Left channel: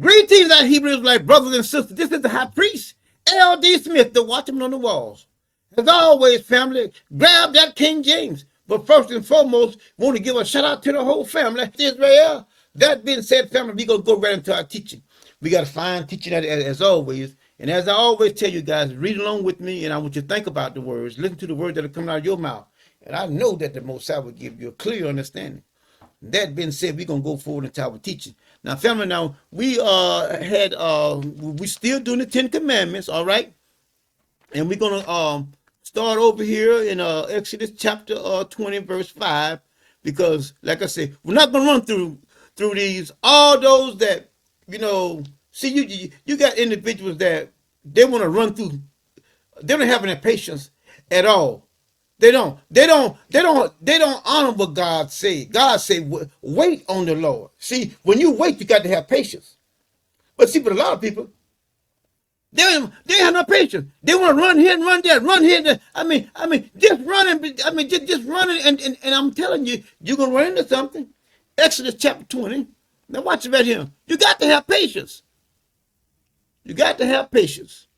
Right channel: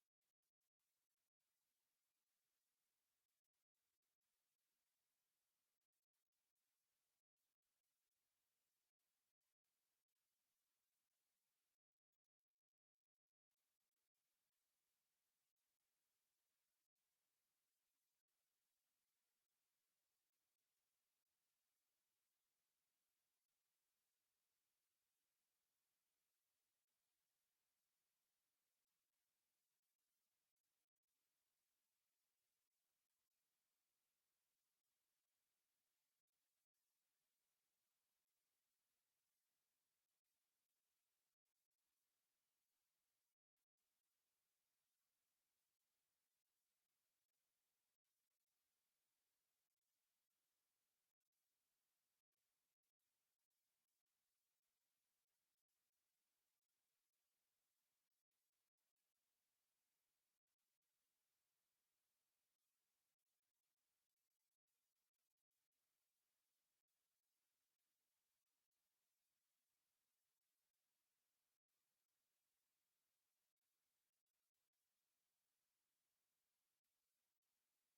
Greetings, our Hebrews, like brothers and sisters. This is the high priest, L.D. Smith, the watchman on the walls. As always, family, grab that King James. But first and foremost, want to give a shout out to the whole family, Israel. That being said, family, we're going to go right into our teaching. We got a fine teaching as always. And as I always tell you guys, read along with me, and I want you to think about the words. Listen to the words that are coming out of your mouth. And I know that the Most High will give you a clear understanding. That being said, we're gonna go forward into our teaching. Now, family, now we still doing the 10 Commandments, all right? And we're gonna start over here in Exodus chapter 20, verse 5, because like I said, we're not gonna run through these. All those that, see, you got individuals that they want to run through, they don't have any patience at all. They don't honor what God said. God said, wait on the Lord. See, when you wait, you got to have patience. But see, for a lot of people, they have no patience. They want to run here and run there, run here and there. I mean, just running. Just running, and I'm telling you, you're gonna run into something. Exodus chapter 20. Now watch it right here. You got to have patience. You got to have patience.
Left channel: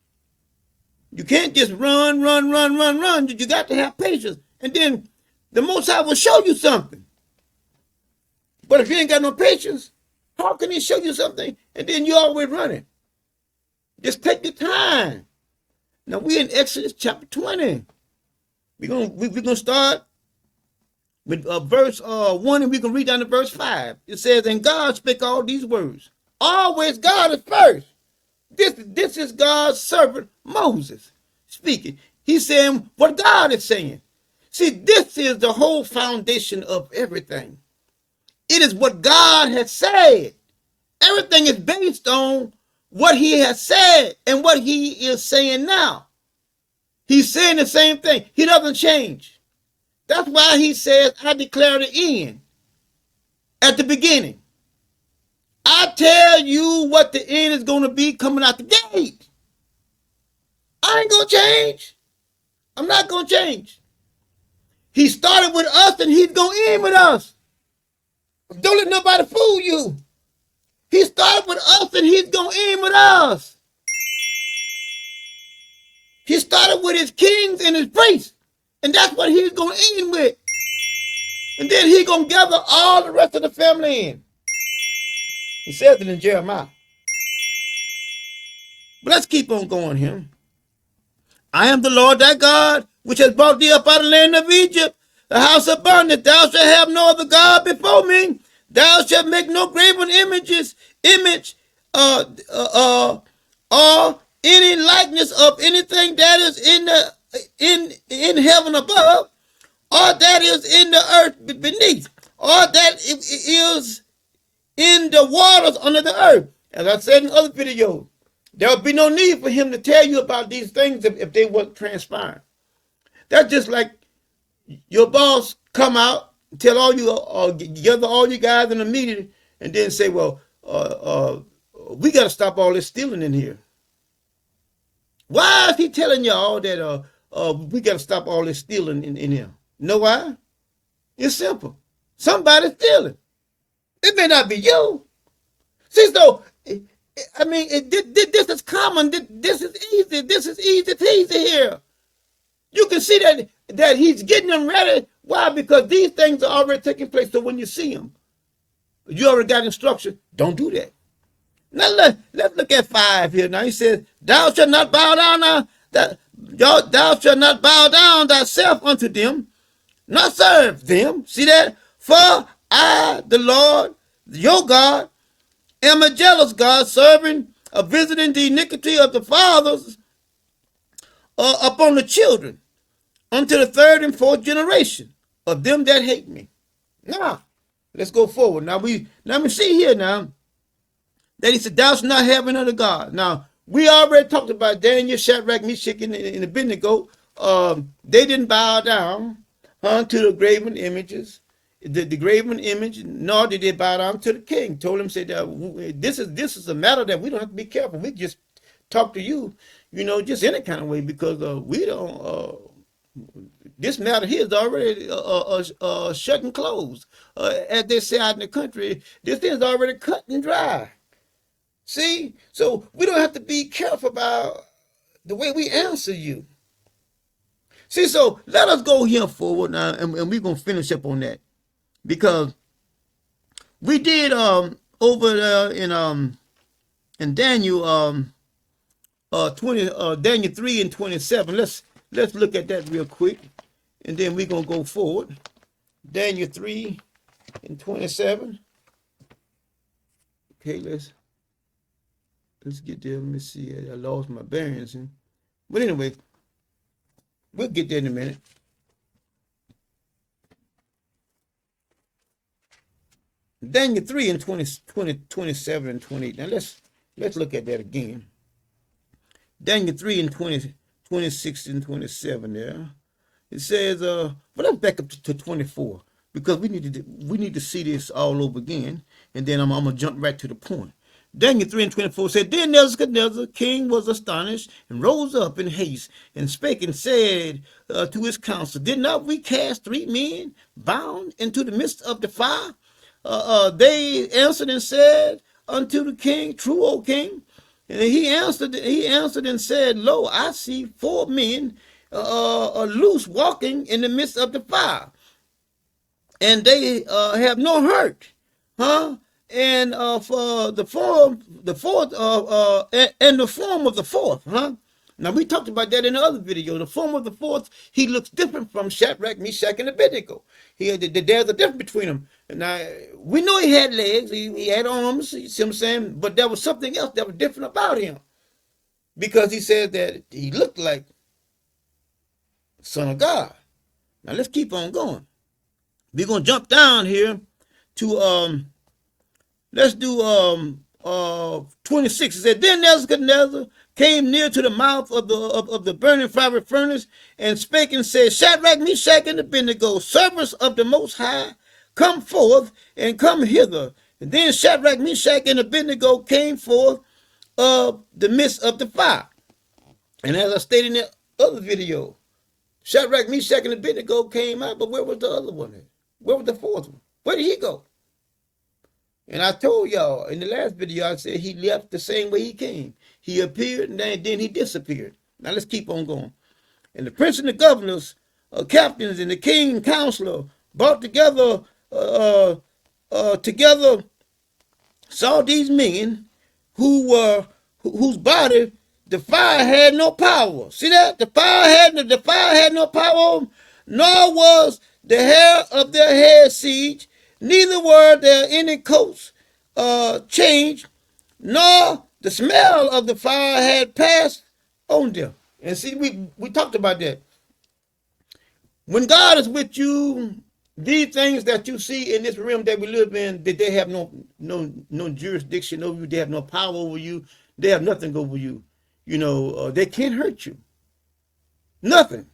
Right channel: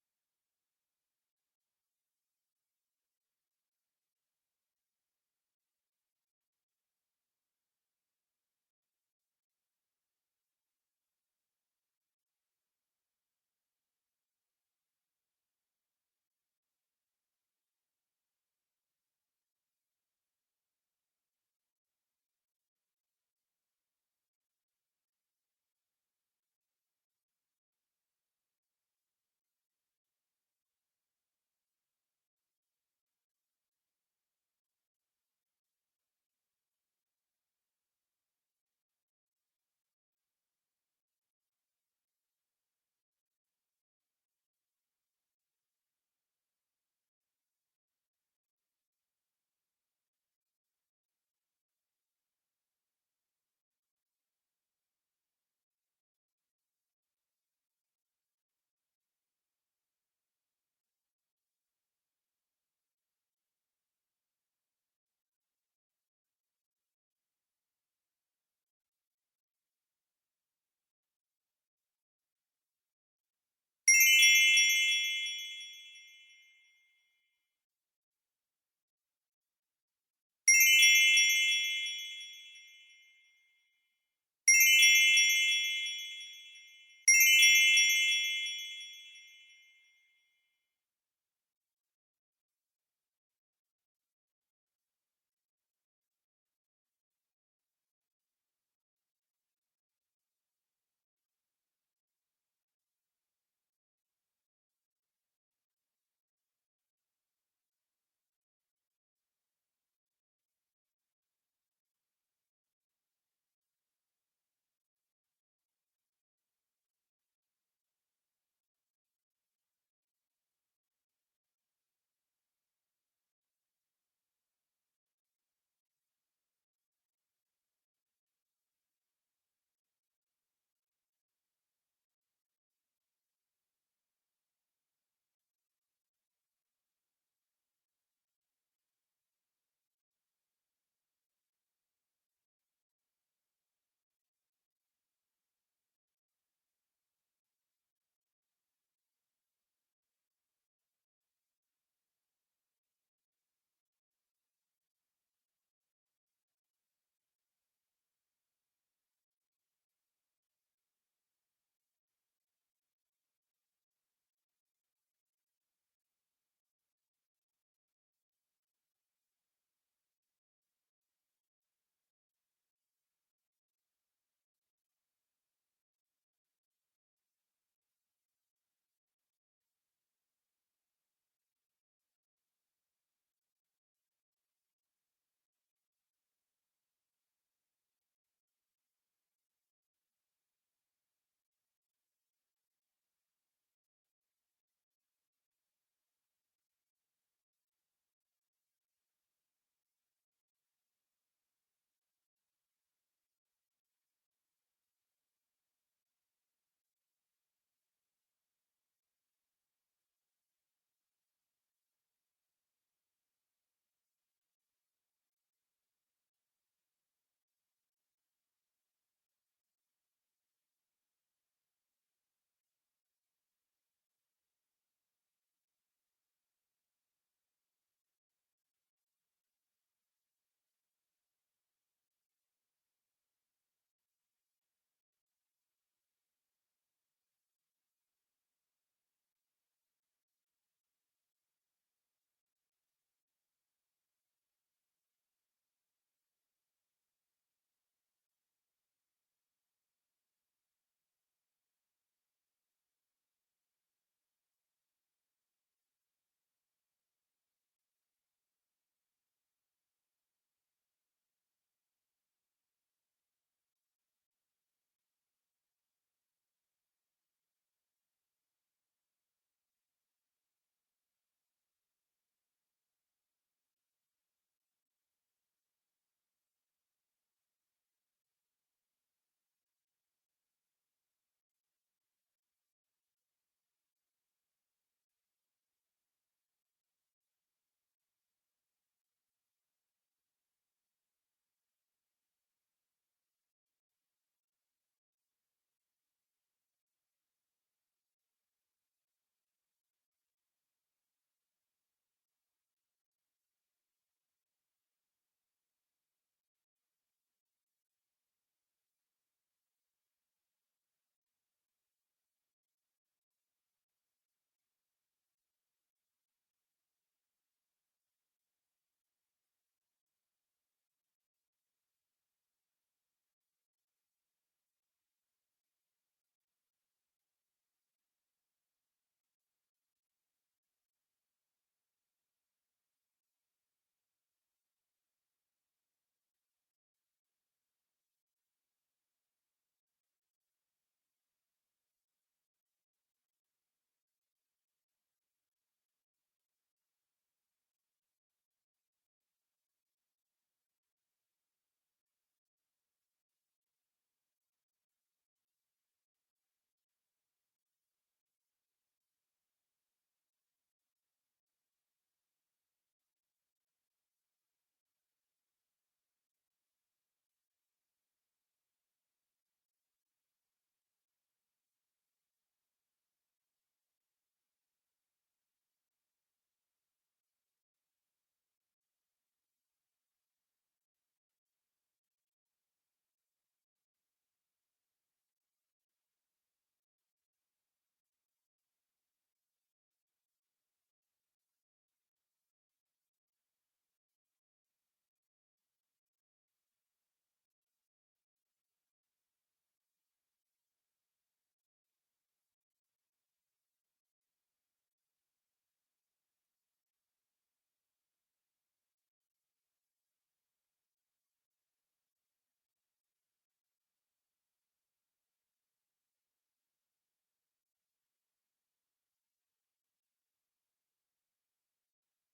You can't just run. You got to have patience. And then the Most High will show you something. But if you ain't got no patience, how can he show you something and then you always running? Just take your time. Now we're in Exodus chapter 20. We're gonna start with verse 1, and we can read down to verse 5. It says, and God spake all these words. Always God is first. This is God's servant Moses speaking. He's saying what God is saying. See, this is the whole foundation of everything. It is what God has said. Everything is based on what he has said and what he is saying now. He's saying the same thing. He doesn't change. That's why he says, I declare the end at the beginning. I tell you what the end is going to be coming out the gate. I ain't going to change. I'm not going to change. He started with us and he's going to end with us. Don't let nobody fool you. He started with us and he's going to end with us. He started with his kings and his priests. And that's what he's going to end with. And then he's going to gather all the rest of the family in. He says it in Jeremiah. But let's keep on going here. I am the Lord thy God, which has brought thee up out of the land of Egypt, the house of bondage. Thou shalt have no other God before me. Thou shalt make no graven image, or any likeness of anything that is in heaven above, or that is in the earth beneath, or that is in the waters under the earth. As I said in other videos, there will be no need for him to tell you about these things if they weren't transpiring. That's just like your boss come out, tell all you, gather all you guys in a meeting, and then say, well, we got to stop all this stealing in here. Why is he telling y'all that we got to stop all this stealing in here? You know why? It's simple. Somebody's stealing. It may not be you. See, so, I mean, this is common. This is easy. This is easy peasy here. You can see that he's getting them ready. Why? Because these things are already taking place. So when you see them, you already got instruction. Don't do that. Now let's look at 5 here. Now he says, thou shalt not bow down thou shalt not bow down thyself unto them, not serve them. See that? For I, the Lord, your God, am a jealous God, visiting the iniquity of the fathers upon the children, unto the 3rd and 4th generation of them that hate me. Now, let's go forward. Now we see here now that he said, thou shalt not have another God. Now, we already talked about Daniel, Shadrach, Meshach, and Abednego. They didn't bow down to the graven images, the graven image, nor did they bow down to the king. Told him, said, this is a matter that we don't have to be careful. We just talk to you, just any kind of way, because we don't, this matter here is already shut and closed. As they say out in the country, this thing is already cut and dry. See? So we don't have to be careful about the way we answer you. See, so let us go here forward now, and we're going to finish up on that. Because we did over there in Daniel 3 and 27. Let's look at that real quick, and then we're gonna go forward. Daniel 3 and 27. Okay, let's get there. Let me see. I lost my bearings. But anyway, we'll get there in a minute. Daniel 3 and 27 and 28. Now let's look at that again. Daniel 3 and 26 and 27 there. It says, but let's back up to 24, because we need to see this all over again, and then I'm gonna jump right to the point. Daniel 3 and 24 said, Then Nebuchadnezzar, king, was astonished, and rose up in haste, and spake and said to his council, Did not we cast 3 men bound into the midst of the fire? They answered and said unto the king, True, O king. And he answered and said, Lo, I see 4 men loose walking in the midst of the fire, and they have no hurt, And for the form of the fourth, Now we talked about that in the other video. The form of the fourth, he looks different from Shadrach, Meshach, and Abednego. There's a difference between them. Now we know he had legs, he had arms. You see what I'm saying? But there was something else that was different about him, because he said that he looked like Son of God. Now let's keep on going. We're gonna jump down here to let's do 26. It said, Then Nebuchadnezzar came near to the mouth of the burning fiery furnace, and spake and said, Shadrach, Meshach, and Abednego, servants of the Most High, come forth and come hither. And then Shadrach, Meshach, and Abednego came forth of the midst of the fire. And as I stated in the other video, Shadrach, Meshach, and Abednego came out, but where was the other one? Where was the fourth one? Where did he go? And I told y'all in the last video, I said he left the same way he came. He appeared, and then he disappeared. Now let's keep on going. And the prince and the governors, captains, and the king and counselor brought together saw these men whose body the fire had no power. See that? The fire had no power, nor was the hair of their head singed, neither were there any coats changed, nor the smell of the fire had passed on them. And see, we talked about that. When God is with you, these things that you see in this realm that we live in, that they have no jurisdiction over you, they have no power over you, they have nothing over you. They can't hurt you. Nothing.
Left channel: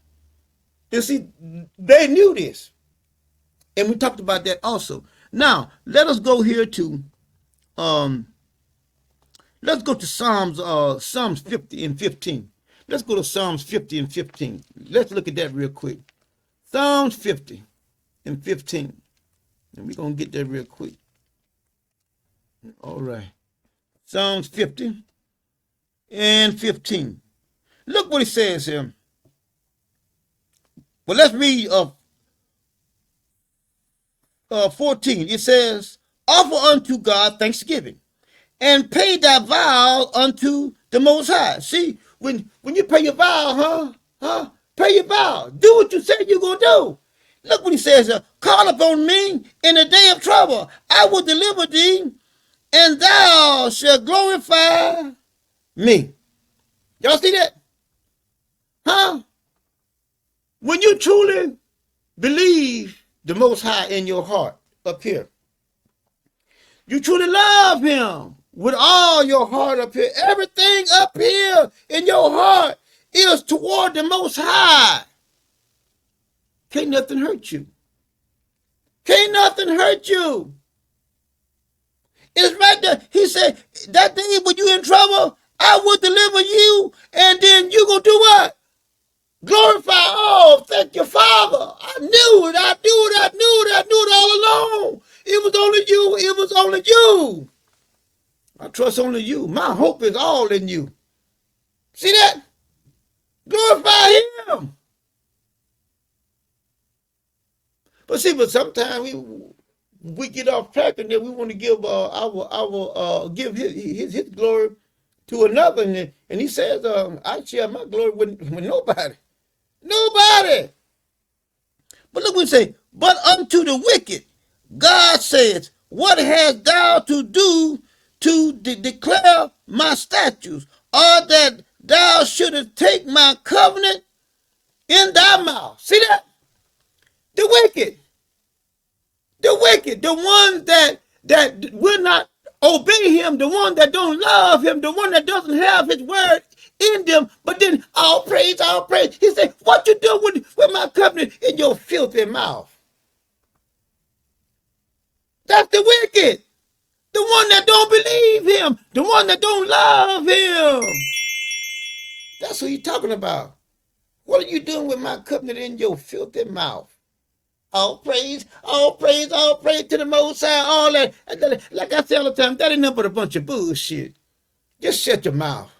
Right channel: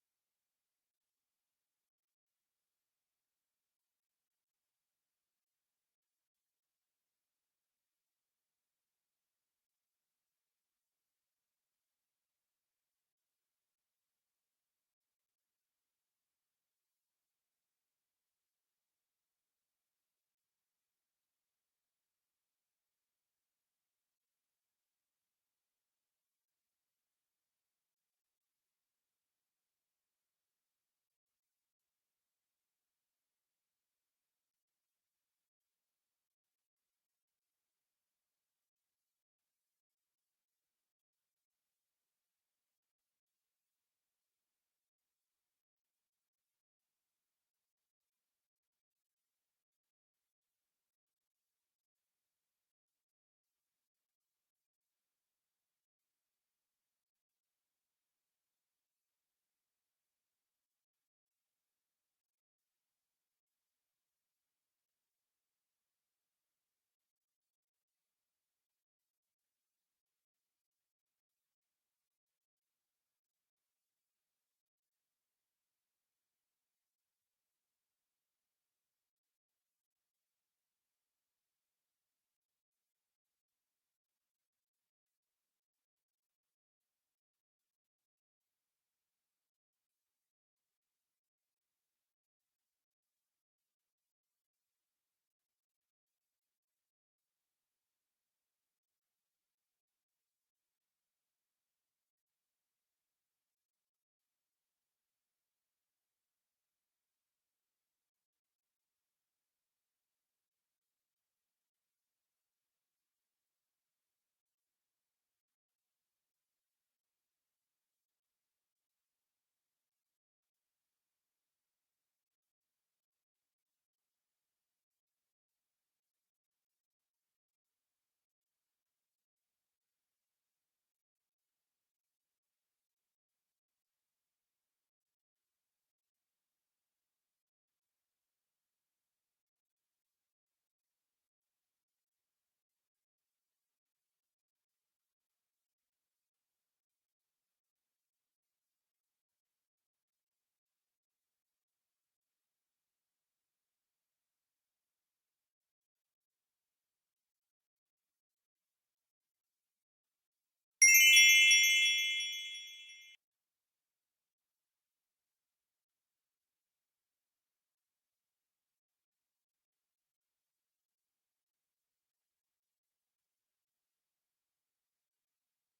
And see, they knew this. And we talked about that also. Now, let us go here to let's go to Psalms 50 and 15. Let's go to Psalms 50 and 15. Let's look at that real quick. Psalms 50 and 15. And we're going to get that real quick. All right. Psalms 50 and 15. Look what it says here. Well, let's read 14. It says, Offer unto God thanksgiving, and pay thy vow unto the Most High. See, when you pay your vow, pay your vow. Do what you said you're going to do. Look what he says, Call upon me in the day of trouble. I will deliver thee, and thou shalt glorify me. Y'all see that? When you truly believe the Most High in your heart up here, you truly love him with all your heart up here. Everything up here in your heart is toward the Most High. Can't nothing hurt you. Can't nothing hurt you. It's right there. He said, that day when you're in trouble, I will deliver you, and then you going to do what? Glorify. Oh, thank you, Father. I knew it all along. It was only you. I trust only you. My hope is all in you. See that? Glorify him. But see, sometimes we get off track and then we want to give give his glory to another, and he says, I share my glory with nobody. Nobody. But look what he say, but unto the wicked, God says, what hast thou to do to declare my statutes, or that thou shouldest take my covenant in thy mouth? See that? The wicked, the ones that will not obey him, the one that don't love him, the one that doesn't have his word in them, but then all praise, all praise. He said, what you do with my covenant in your filthy mouth? That's the wicked. The one that don't believe him, the one that don't love him. That's what he's talking about. What are you doing with my covenant in your filthy mouth? All praise, all praise, all praise to the Most High, all that. Like I say all the time, that ain't nothing but a bunch of bullshit. Just shut your mouth.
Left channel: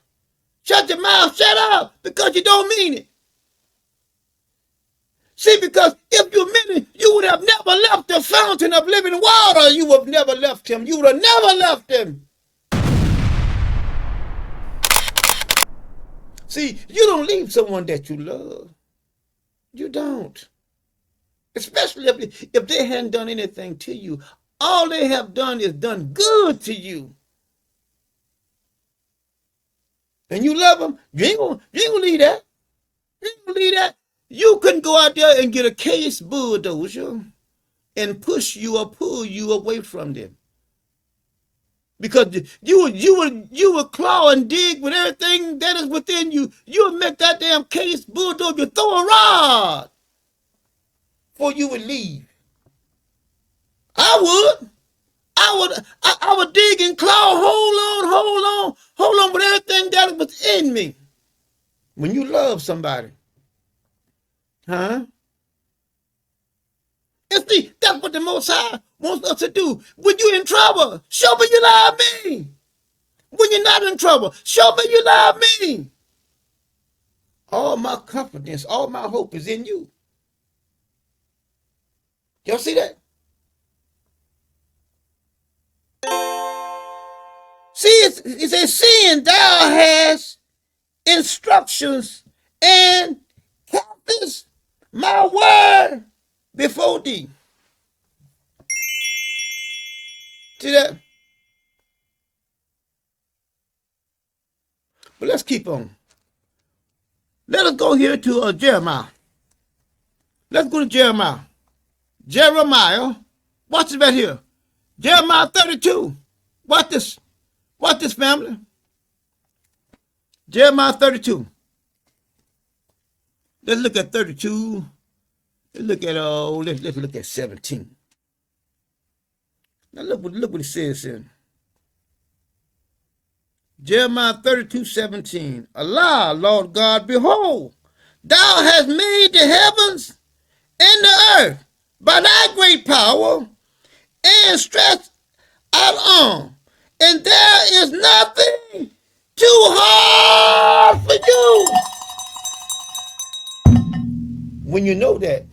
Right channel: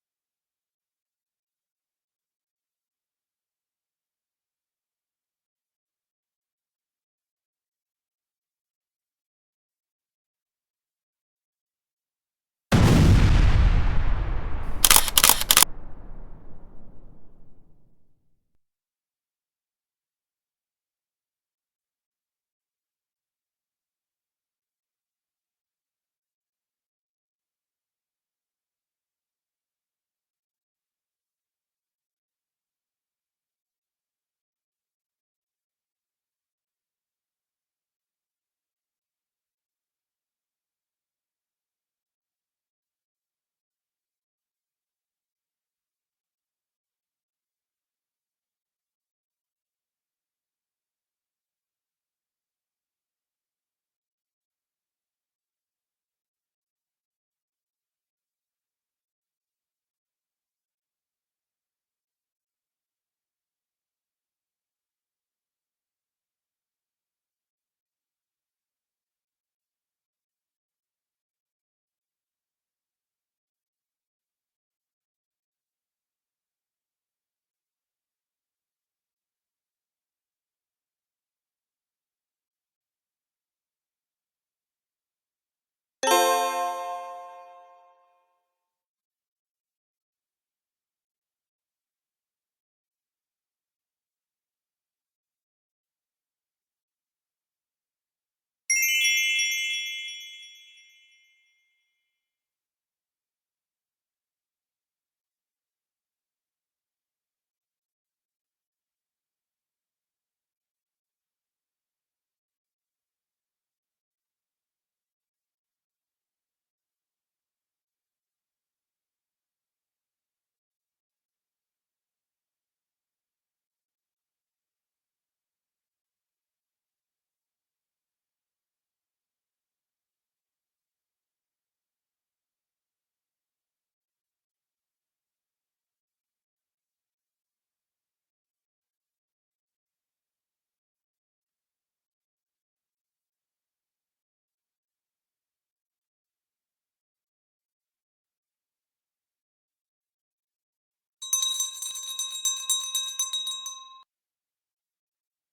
Shut your mouth, shut up, because you don't mean it. See, because if you meant it, you would have never left the fountain of living water. You would have never left him. You would have never left him. See, you don't leave someone that you love. You don't. Especially if they hadn't done anything to you. All they have done is done good to you. And you love them, you ain't gonna leave that. You ain't gonna leave that. You couldn't go out there and get a case bulldozer and push you or pull you away from them. Because you would claw and dig with everything that is within you. You would make that damn case bulldozer throw a rod before you would leave. I would dig and claw, hold on with everything that was in me. When you love somebody, huh? And see, that's what the Most High wants us to do. When you're in trouble, show me you love me. When you're not in trouble, show me you love me. All my confidence, all my hope is in you. Y'all see that? See, it says, seeing thou hast instructions and keepest my word before thee. See that? But let's keep on. Let us go here to Jeremiah. Let's go to Jeremiah. Jeremiah, watch this right here. Jeremiah 32. Watch this. Watch this, family. Jeremiah 32. Let's look at 32. Let's look at let's look at 17. Now look what it says here. Jeremiah 32:17. Allah, Lord God, behold, thou hast made the heavens and the earth by thy great power and stretched out arm, and there is nothing too hard for you. When you know that,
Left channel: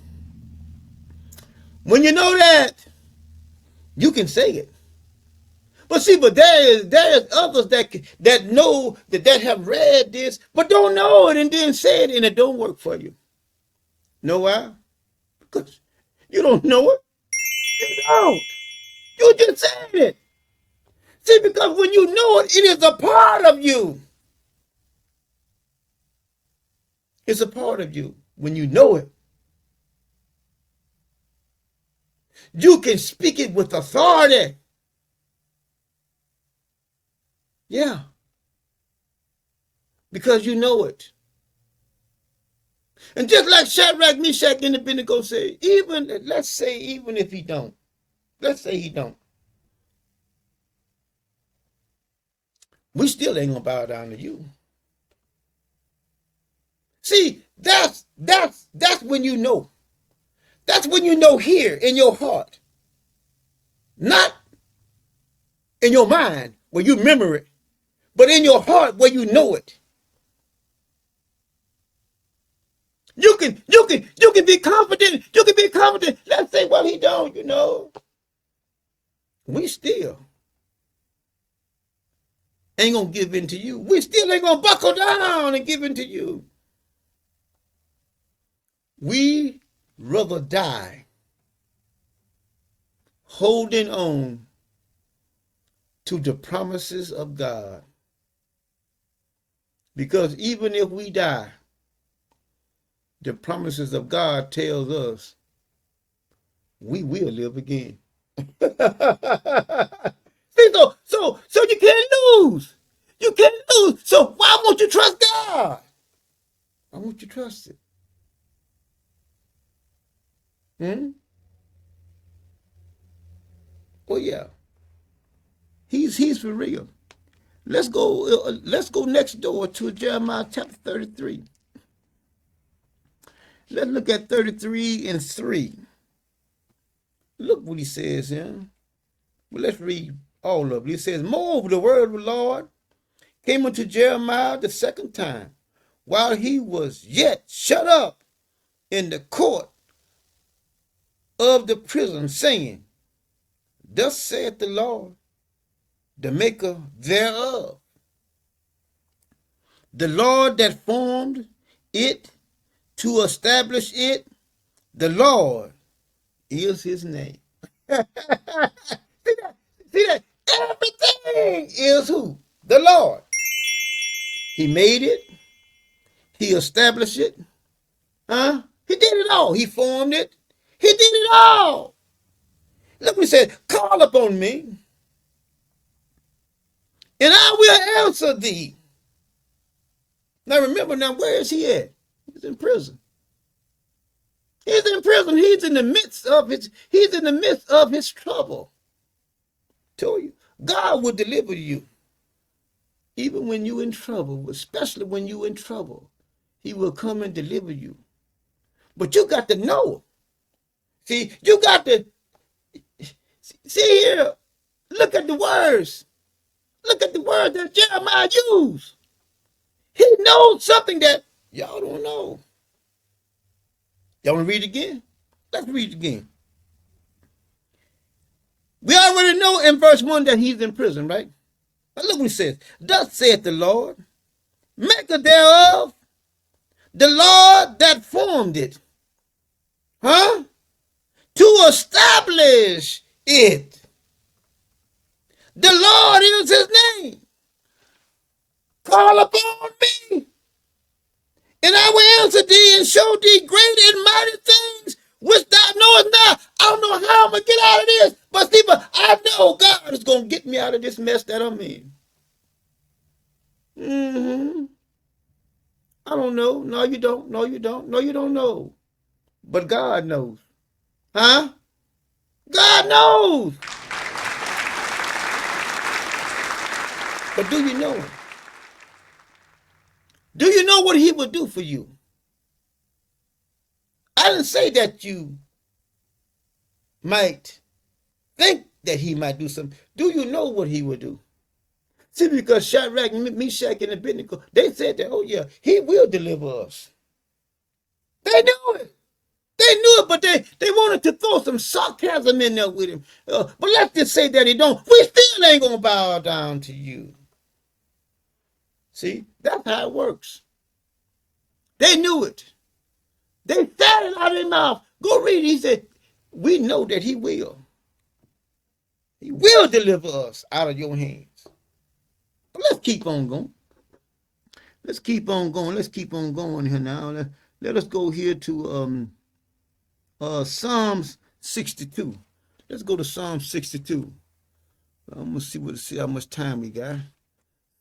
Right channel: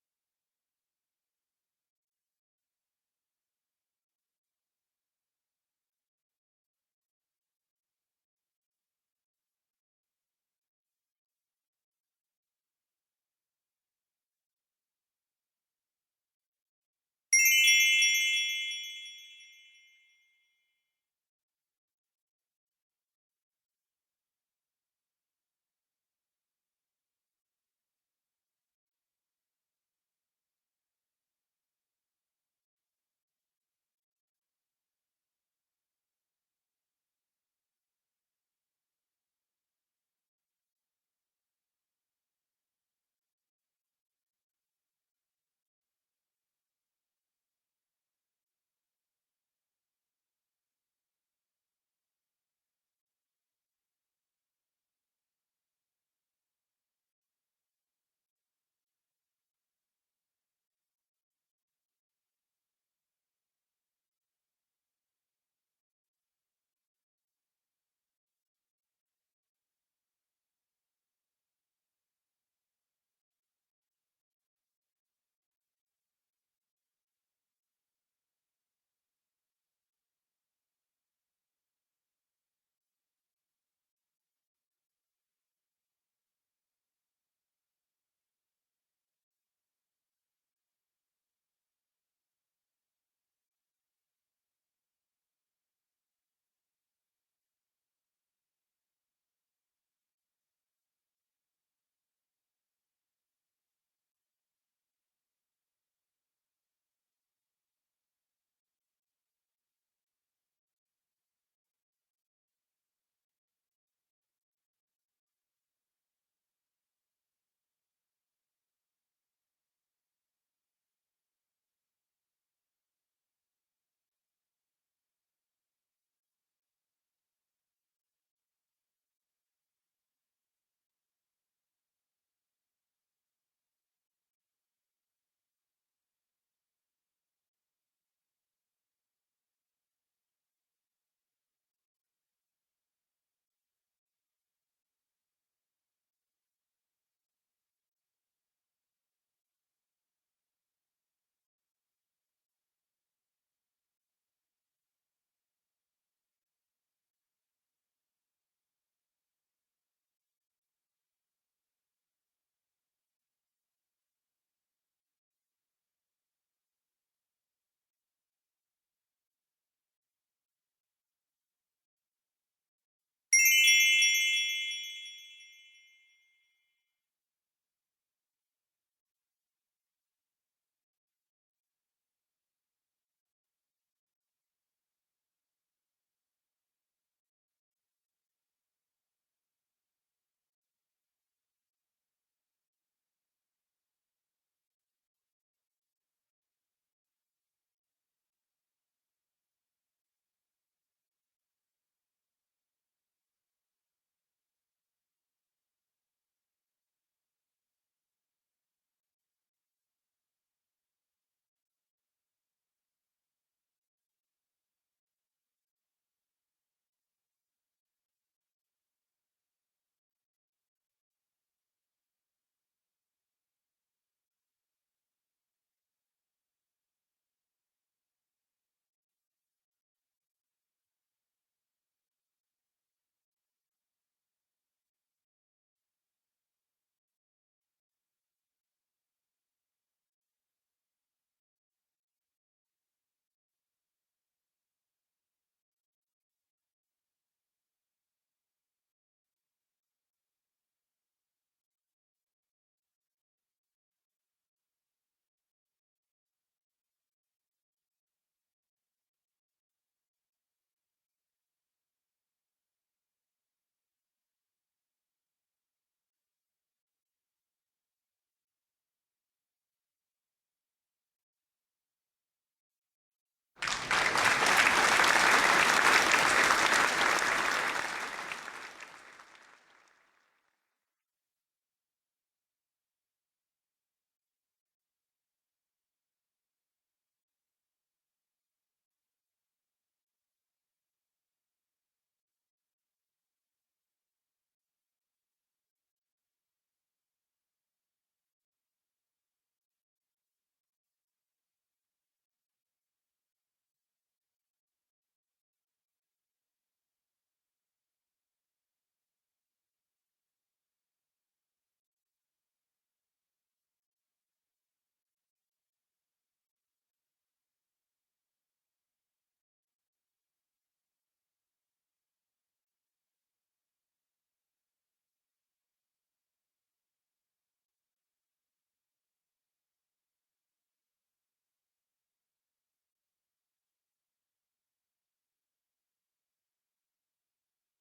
you can say it. But see, there is others that know that have read this, but don't know it and then say it, and it don't work for you. Know why? Because you don't know it. You don't. You just said it. See, because when you know it, it is a part of you. It's a part of you. When you know it, you can speak it with authority. Yeah. Because you know it. And just like Shadrach, Meshach, and Abednego say, let's say even if he don't. Let's say he don't. We still ain't gonna bow down to you. See, that's when you know. That's when you know here in your heart. Not in your mind, where you remember it, but in your heart where you know it. You can be confident. You can be confident. Let's say, well, he don't, we still ain't gonna give in to you. We still ain't gonna buckle down and give in to you. We rather die holding on to the promises of God. Because even if we die, the promises of God tells us we will live again. See, so you can't lose. You can't lose. So why won't you trust God? Why won't you trust it? Oh yeah. He's for real. Let's go next door to Jeremiah chapter 33. Let's look at 33 and 3. Look what he says here. Well, let's read all of it. He says, moreover, the word of the Lord came unto Jeremiah the second time, while he was yet shut up in the court of the prison, saying, thus saith the Lord, the maker thereof, the Lord that formed it to establish it, the Lord is his name. See that? See that? Everything is who? The Lord. He made it. He established it. Huh? He did it all. He formed it. He did it all. Look what he said, call upon me, and I will answer thee. Now remember, where is he at? He's in prison. He's in prison. He's in the midst of his trouble. Told you, God will deliver you. Even when you're in trouble, especially when you're in trouble, he will come and deliver you. But you got to know. See, you got to see here. Look at the words. Look at the words that Jeremiah used. He knows something that y'all don't know. Y'all want to read it again? Let's read it again. We already know in verse 1 that he's in prison, right? But look what he says. Thus saith the Lord, maker thereof, the Lord that formed it. Huh? To establish it. The Lord is his name. Call upon me, and I will answer thee and show thee great and mighty things which thou knowest not. I don't know how I'm going to get out of this, but see, I know God is going to get me out of this mess that I'm in. I don't know. No, you don't. No, you don't. No, you don't know. But God knows. Huh? God knows. But do you know? Do you know what he will do for you? I didn't say that you might think that he might do something. Do you know what he will do? See, because Shadrach, Meshach, and Abednego, they said that, oh yeah, he will deliver us. They knew it. They knew it, but they wanted to throw some sarcasm in there with him. But let's just say that he don't. We still ain't going to bow down to you. See, that's how it works. They knew it. They said it out of their mouth. Go read it. He said, we know that he will. He will deliver us out of your hands. But let's keep on going. Let's keep on going. Let's keep on going here now. Let us go here to Psalms 62. Let's go to Psalm 62. I'm going to see how much time we got.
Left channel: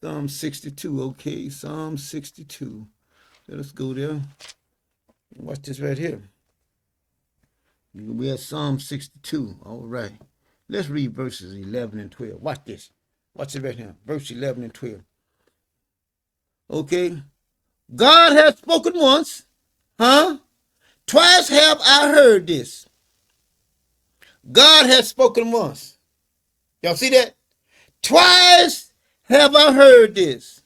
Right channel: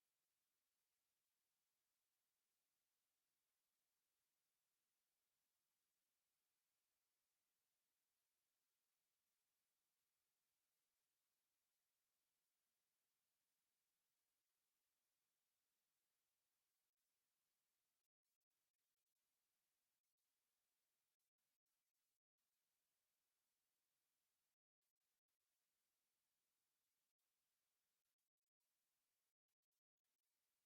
Psalm 62, okay. Psalm 62. Let us go there. Watch this right here. We have Psalm 62. All right. Let's read verses 11 and 12. Watch this. Watch it right here. Verse 11 and 12. Okay. God has spoken once. Huh? Twice have I heard this. God has spoken once. Y'all see that? Twice have I heard this,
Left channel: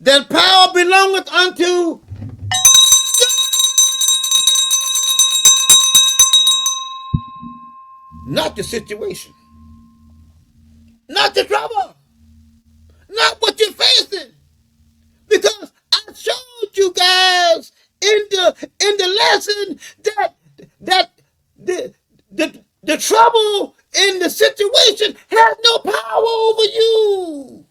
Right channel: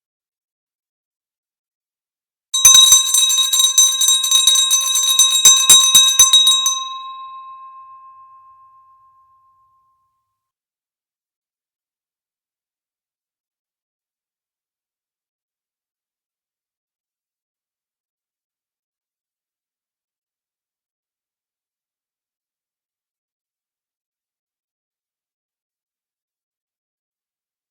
that power belongeth unto not the situation, not the trouble, not what you're facing. Because I showed you guys in the lesson that the trouble in the situation has no power over you.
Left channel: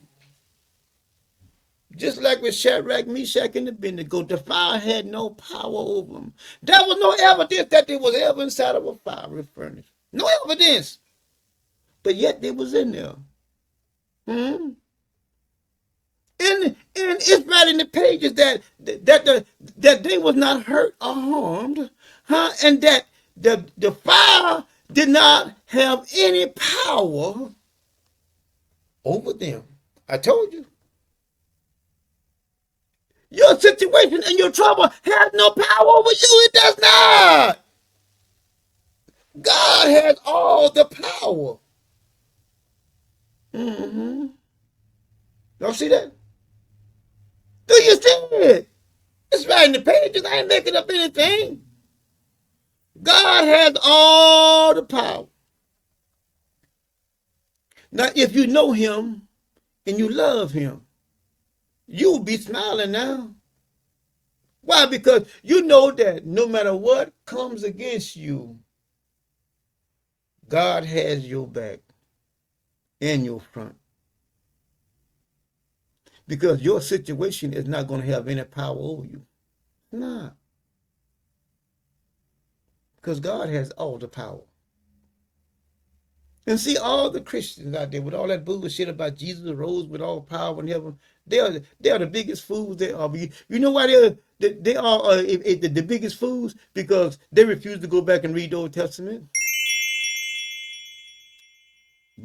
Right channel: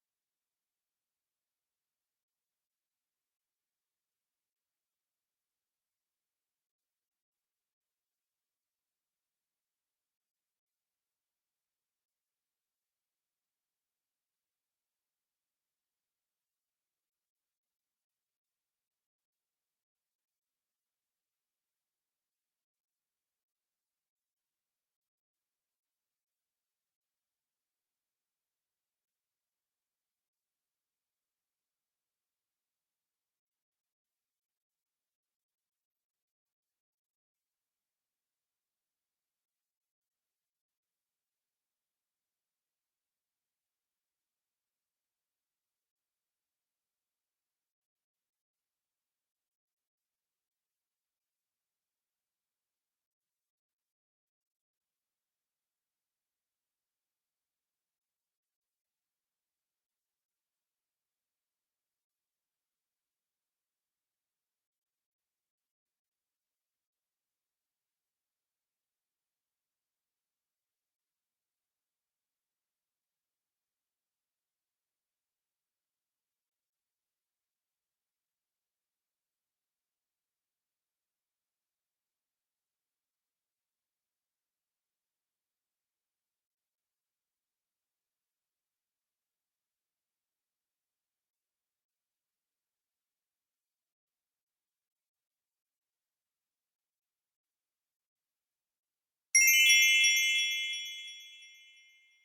Just like with Shadrach, Meshach, and Abednego, the fire had no power over them. There was no evidence that they was ever inside of a fiery furnace. No evidence. But yet they was in there. Hmm? And it's right in the pages that they was not hurt or harmed, huh? And that the fire did not have any power over them. I told you. Your situation and your trouble has no power over you. It does not. God has all the power. Mm-hmm. Y'all see that? Do you see it? It's right in the pages. I ain't making up anything. God has all the power. Now, if you know him and you love him, you'll be smiling now. Why? Because you know that no matter what comes against you, God has your back and your front. Because your situation is not going to have any power over you. Nah. Because God has all the power. And see, all the Christians out there with all that bullshit about Jesus rose with all power in heaven, they are the biggest fools they are. You know why they are the biggest fools? Because they refuse to go back and read the Old Testament.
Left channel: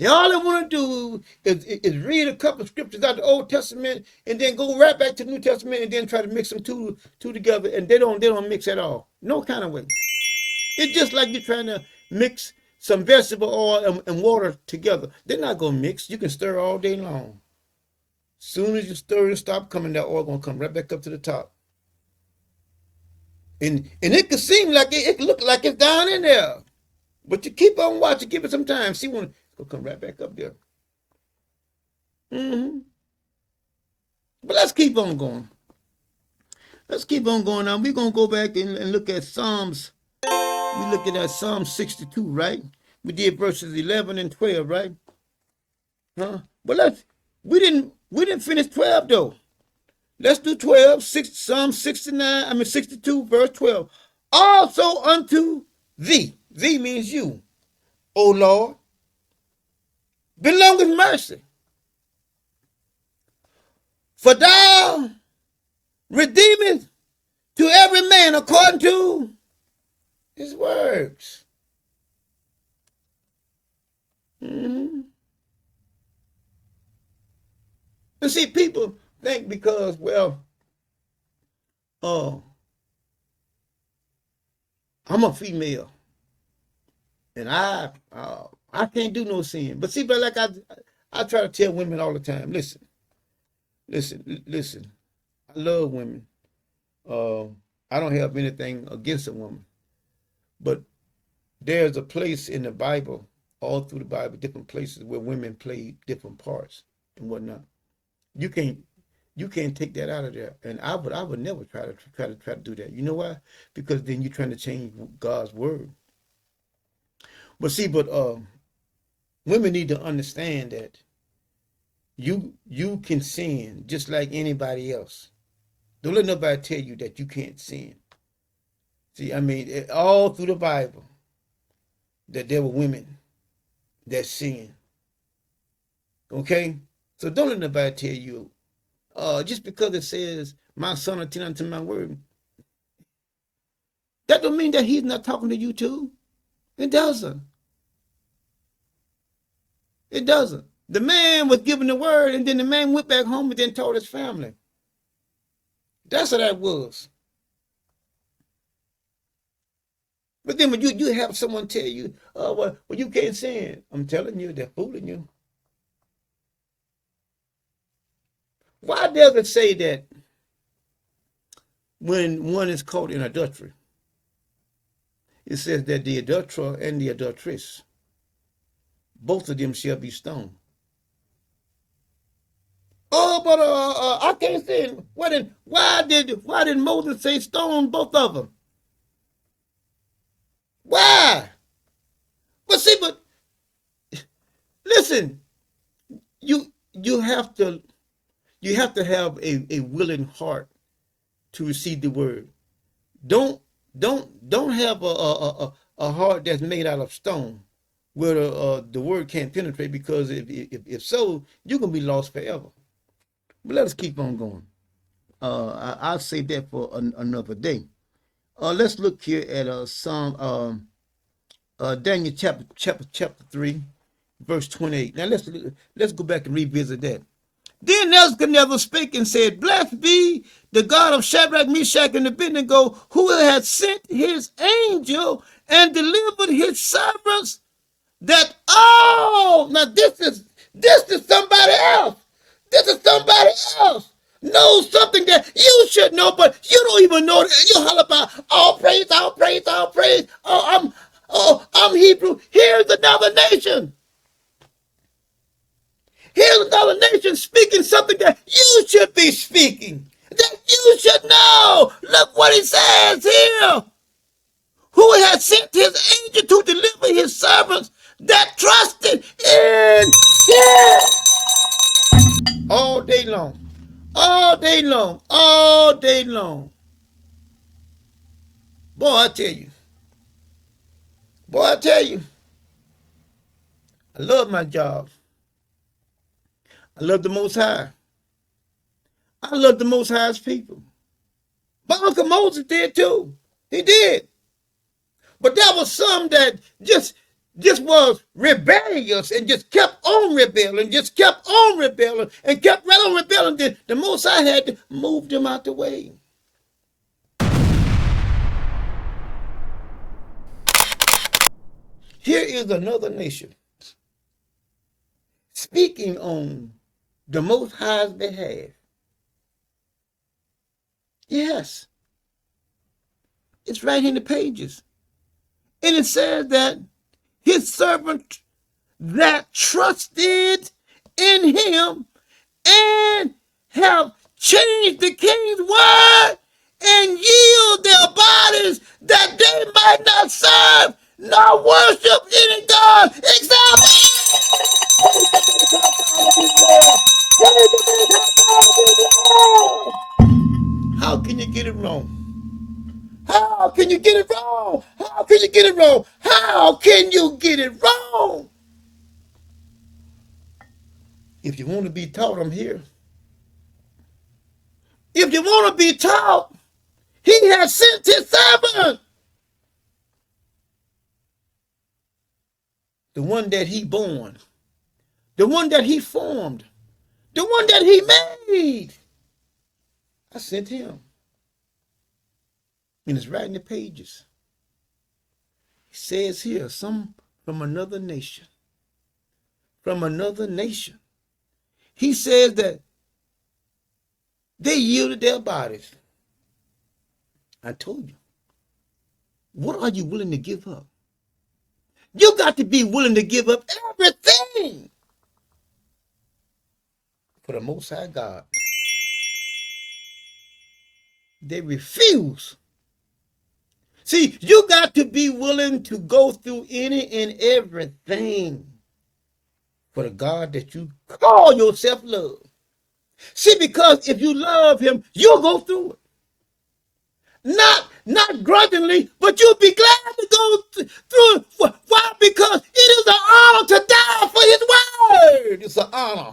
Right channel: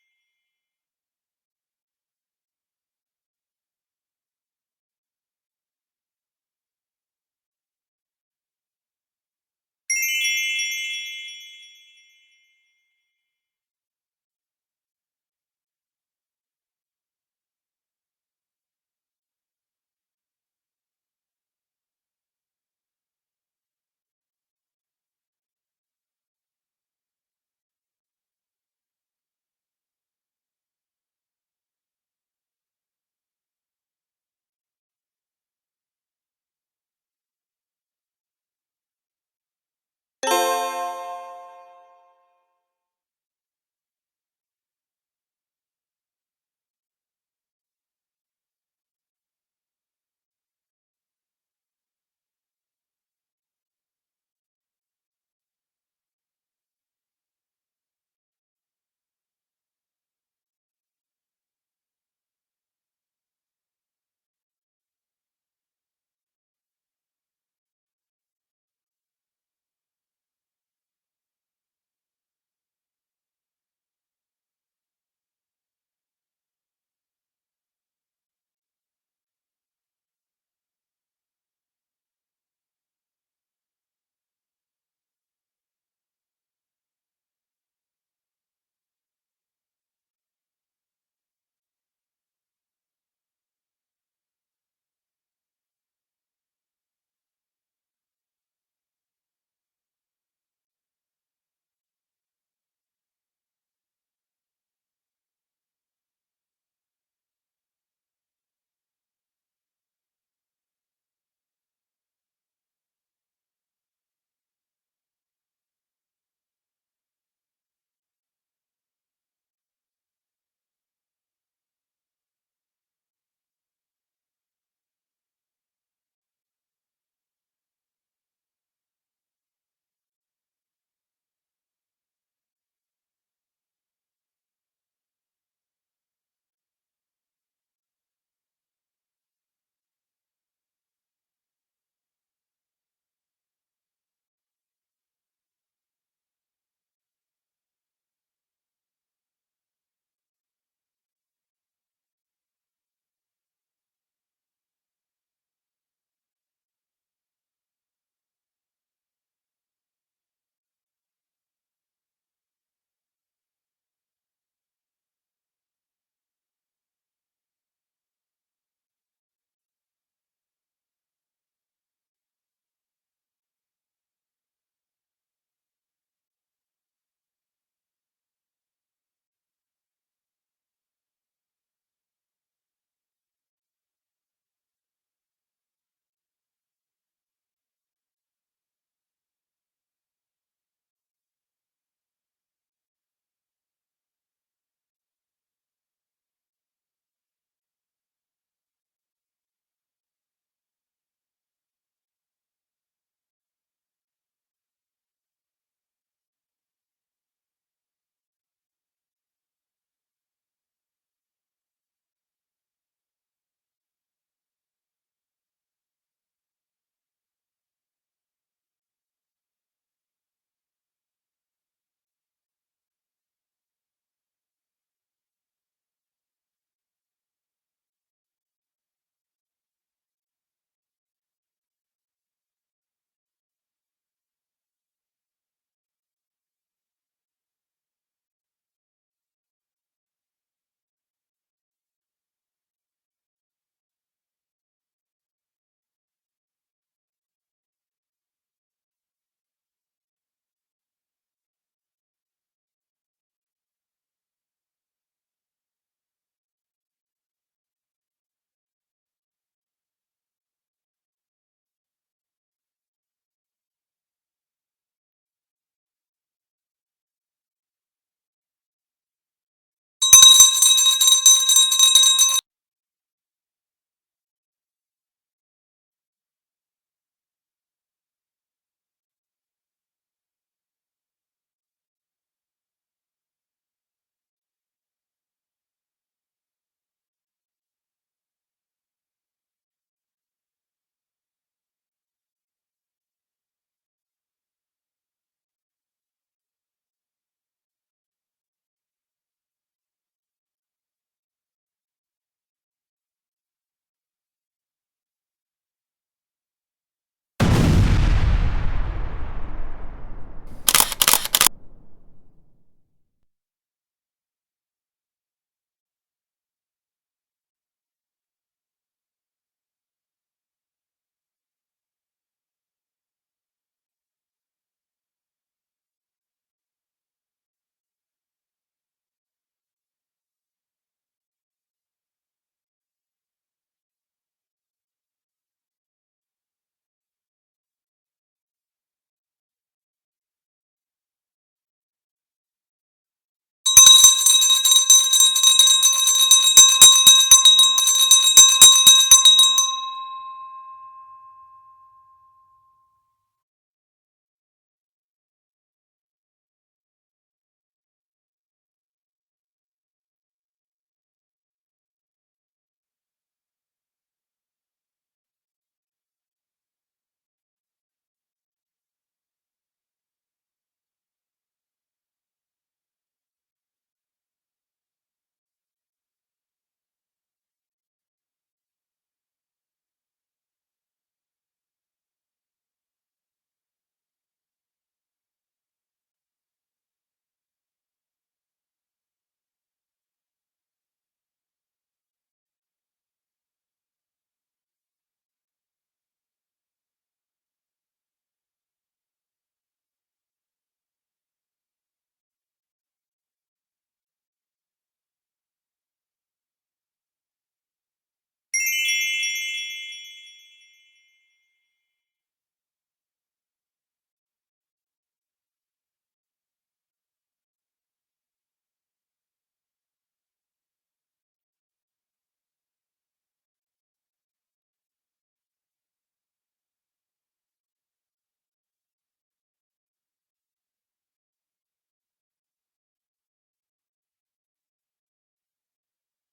All they want to do is read a couple of scriptures out of the Old Testament and then go right back to the New Testament and then try to mix them two together, and they don't mix at all. No kind of way. It's just like you're trying to mix some vegetable oil and water together. They're not going to mix. You can stir all day long. Soon as you stir and stop coming, that oil going to come right back up to the top. And it could seem like it could look like it's down in there. But you keep on watching, give it some time. See when it'll come right back up there. Mm-hmm. But let's keep on going. Let's keep on going now. We're going to go back and look at Psalms. We look at that Psalm 62, right? We did verses 11 and 12, right? Huh? But we didn't finish 12 though. Let's do 12, Psalm 62, verse 12. Also unto thee, thee means you, O Lord, belongeth mercy. For thou redeemest to every man according to his works. Mm-hmm. And see, people think because, well, I'm a female, and I can't do no sin. But see, but like I try to tell women all the time, listen. I love women. I don't have anything against a woman, but there's a place in the Bible, all through the Bible, different places where women play different parts and whatnot. You can't take that out of there. And I would never try to do that. You know why? Because then you're trying to change God's word. But see, women need to understand that you can sin just like anybody else. Don't let nobody tell you that you can't sin. See, I mean, all through the Bible, that there were women that sinned. Okay? So don't let nobody tell you, just because it says, my son attend unto my word, that don't mean that he's not talking to you too. It doesn't. It doesn't. The man was given the word, and then the man went back home and then told his family. That's how that was. But then when you have someone tell you, well, you can't sin, I'm telling you, they're fooling you. Why does it say that when one is caught in adultery, it says that the adulterer and the adulteress, both of them shall be stoned? Oh, but I can't say it. Why did Moses say stone both of them? Why? But see, but listen, you you have to have a willing heart to receive the word. Don't have a heart that's made out of stone, where the word can't penetrate. Because if so, you're gonna be lost forever. But let us keep on going. I'll say that for another day. Let's look here at Psalm Daniel chapter 3, verse 28. Now let's go back and revisit that. Then Nebuchadnezzar spake and said, Blessed be the God of Shadrach, Meshach, and Abednego, who has sent his angel and delivered his servants, that all, now this is somebody else. This is somebody else. Knows something that you should know, but you don't even know that. You holler about all praise, all praise, all praise. I'm Hebrew. Here's another nation. Here's another nation speaking something that you should be speaking, that you should know. Look what he says here. Who has sent his angel to deliver his servants that trusted in him. All day long. All day long. All day long. Boy, I tell you. Boy, I tell you. I love my job. I love the Most High. I love the Most High's people. But Uncle Moses did too. He did. But there was some that just was rebellious and just kept on rebelling, just kept on rebelling, and kept right on rebelling. Then the Most High had to move them out the way. Here is another nation speaking on the Most High's behalf. Yes. It's right in the pages. And it says that his servant that trusted in him and have changed the king's word and yield their bodies that they might not serve nor worship any God except How can you get it wrong? How can you get it wrong? How can you get it wrong? How can you get it wrong? If you want to be taught, I'm here. If you want to be taught, he has sent his servant. The one that he born. The one that he formed. The one that he made. I sent him. And it's right in the pages. He says here, some from another nation. From another nation. He says that they yielded their bodies. I told you. What are you willing to give up? You got to be willing to give up everything for the Most High God. They refuse. See, you got to be willing to go through any and everything for the God that you call yourself love. See, because if you love him, you'll go through it. Not grudgingly, but you'll be glad to go through it. Why? Because it is an honor to die for his word. It's an honor.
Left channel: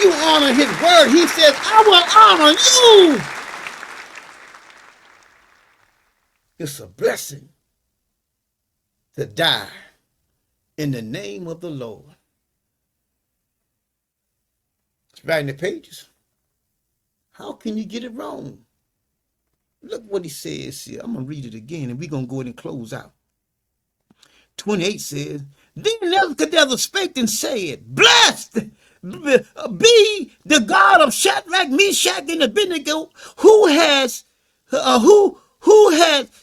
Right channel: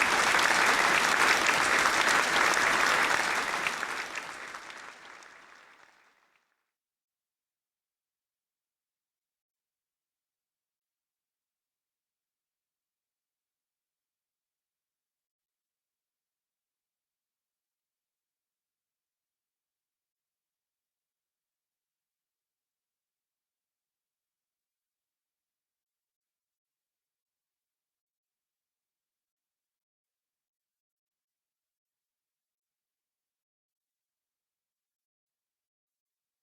You honor his word. He says, I will honor you. It's a blessing to die in the name of the Lord. It's right in the pages. How can you get it wrong? Look what he says here. I'm going to read it again, and we're going to go ahead and close out. 28 says, Then Nebuchadnezzar spake and said, Blessed be the God of Shadrach, Meshach, and Abednego, who has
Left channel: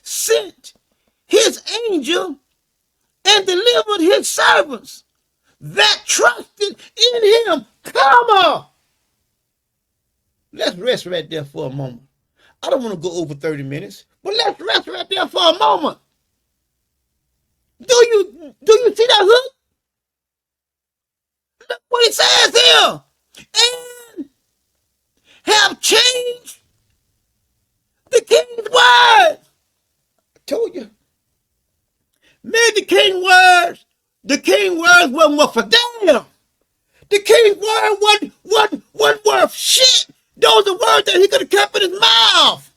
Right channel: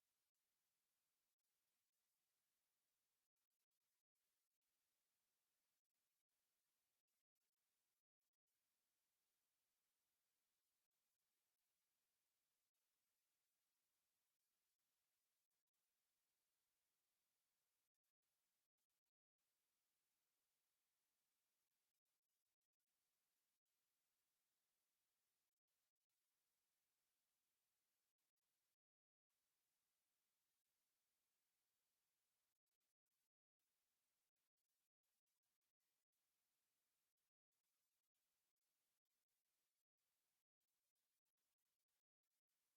sent his angel and delivered his servants that trusted in him. Come on. Let's rest right there for a moment. I don't want to go over 30 minutes, but let's rest right there for a moment. Do you see that hook? Look what it says here. And have changed the king's word. I told you. Man, the king's words wasn't for damn. The king's word wasn't worth shit. Those are words that he could have kept in his mouth.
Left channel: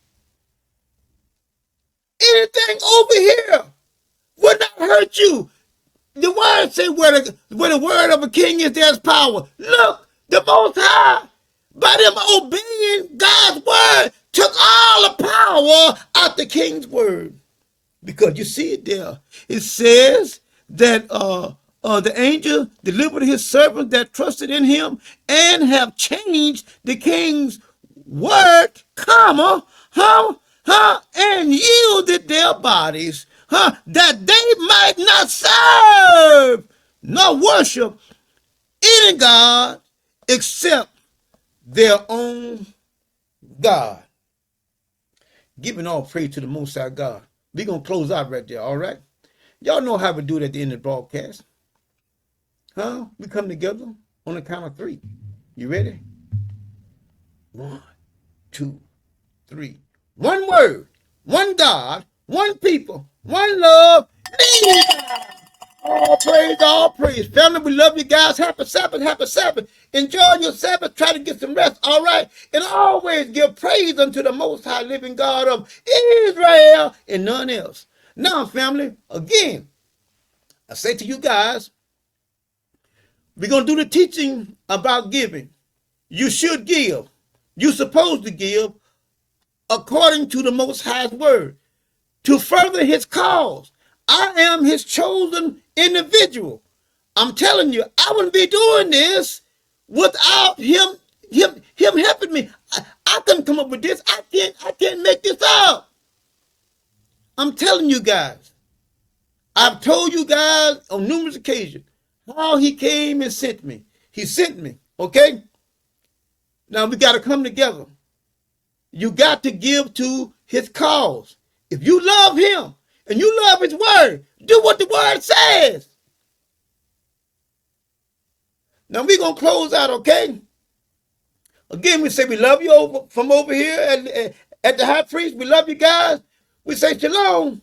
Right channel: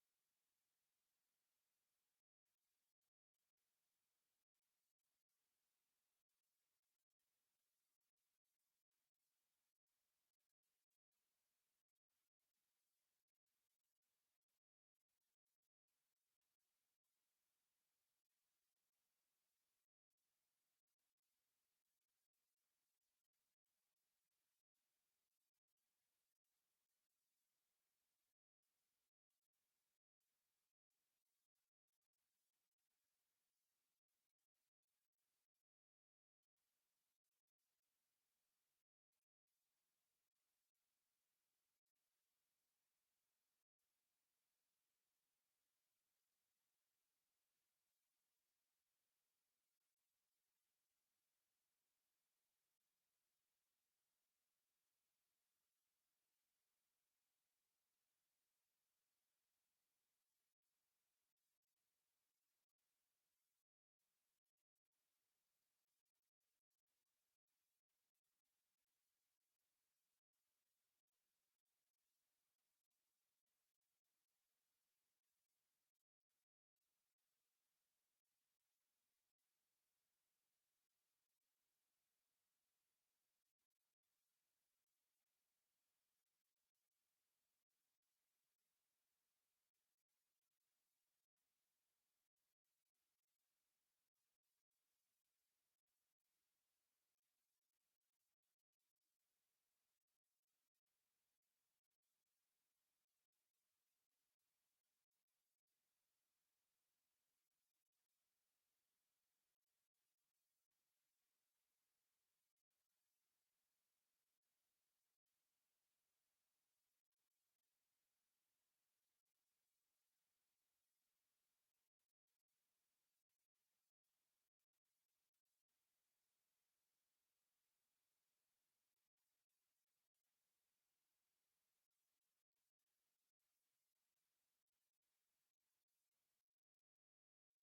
Anything over here would not hurt you. The word says where the word of a king is, there's power. Look, the Most High, by them obeying God's word, took all the power out the king's word. Because you see it there. It says that the angel delivered his servant that trusted in him and have changed the king's word, comma, and yielded their bodies, that they might not serve nor worship any God except their own God. Giving all praise to the Most High God. We're going to close out right there, all right? Y'all know how we do it at the end of the broadcast. We come together on the count of 3. You ready? 1, 2, 3. One word, one God, one people, one love. All praise. Family, we love you guys. Happy Sabbath, happy Sabbath. Enjoy your Sabbath. Try to get some rest, all right? And always give praise unto the Most High living God of Israel and none else. Now, family, again, I say to you guys, we're going to do the teaching about giving. You should give. You're supposed to give according to the Most High's word to further his cause. I am his chosen individual. I'm telling you, I wouldn't be doing this without him helping me. I couldn't come up with this. I can't make this up. I'm telling you guys. I've told you guys on numerous occasions how he came and sent me. He sent me, okay? Now we got to come together. You got to give to his cause. If you love him and you love his word, do what the word says. Now we're going to close out, okay? Again, we say we love you from over here at the high priest. We love you guys. We say shalom.